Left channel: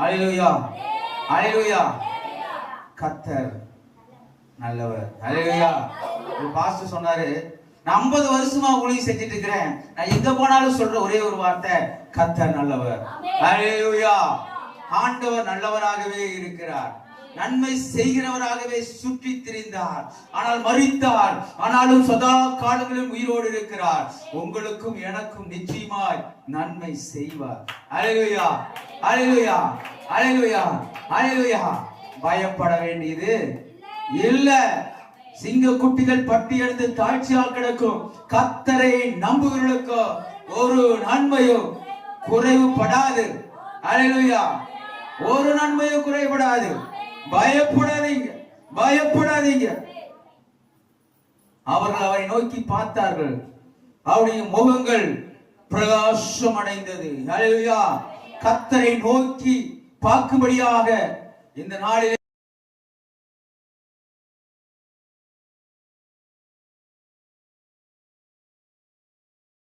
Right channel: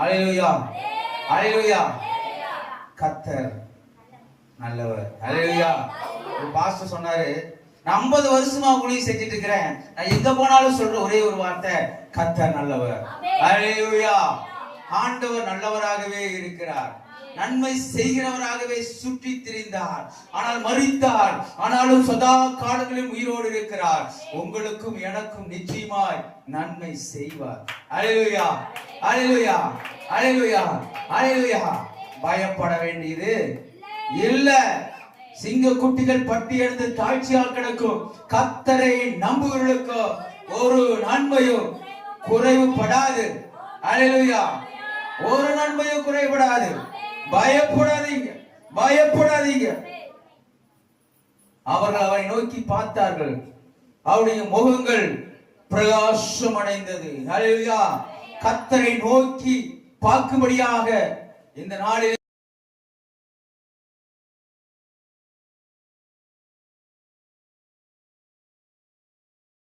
அலையிலுயா. அலையிலுயா. கத்தர் நல்லவர். ஒரு பாஸ்டர் சொன்னாரு 50 வருஷமா ஊழியம் செஞ்சுட்டு இருக்கிறேன். நான் எங்க போனாலும் சொல்ற ஒரே ஒரு வார்த்தை கத்தர் நல்லவர். அலையிலுயா. ஆண்டவர் நல்லவராகவே இருக்கிறார். நன்மை செய்கிறவராகவே சுற்றி திரிந்தார் ஆனால் மறித்தார் ஆனாலும் சதா காலங்களில் உயிரோடு இருக்கிறார். உங்களுக்கும் எனக்கும் நிச்சயமாய் நன்மை செய்வார். அலையிலுயா அலையிலுயா அலையிலுயா அலையிலுயா பயப்பட வேண்டியது இல்ல. சிங்க குட்டிகள் பட்டி எடுத்து தாழ்ச்சியா கிடக்கும். கத்தரை நம்புகிறவர்களுக்கோ ஒரு நன்மையும் குறைவுபடாது. அலையிலுயா ஒரு நன்மையும் குறைபடாது பயப்படாதீங்க. பயப்படாதீங்க. அவர்கள் அவரை நோக்கி பார்த்தார்கள். அவருடைய முகங்கள் பிரகாசம் அடைந்தது கத்தரை நோக்கி பார்க்கும்படியாக இந்த நாளில்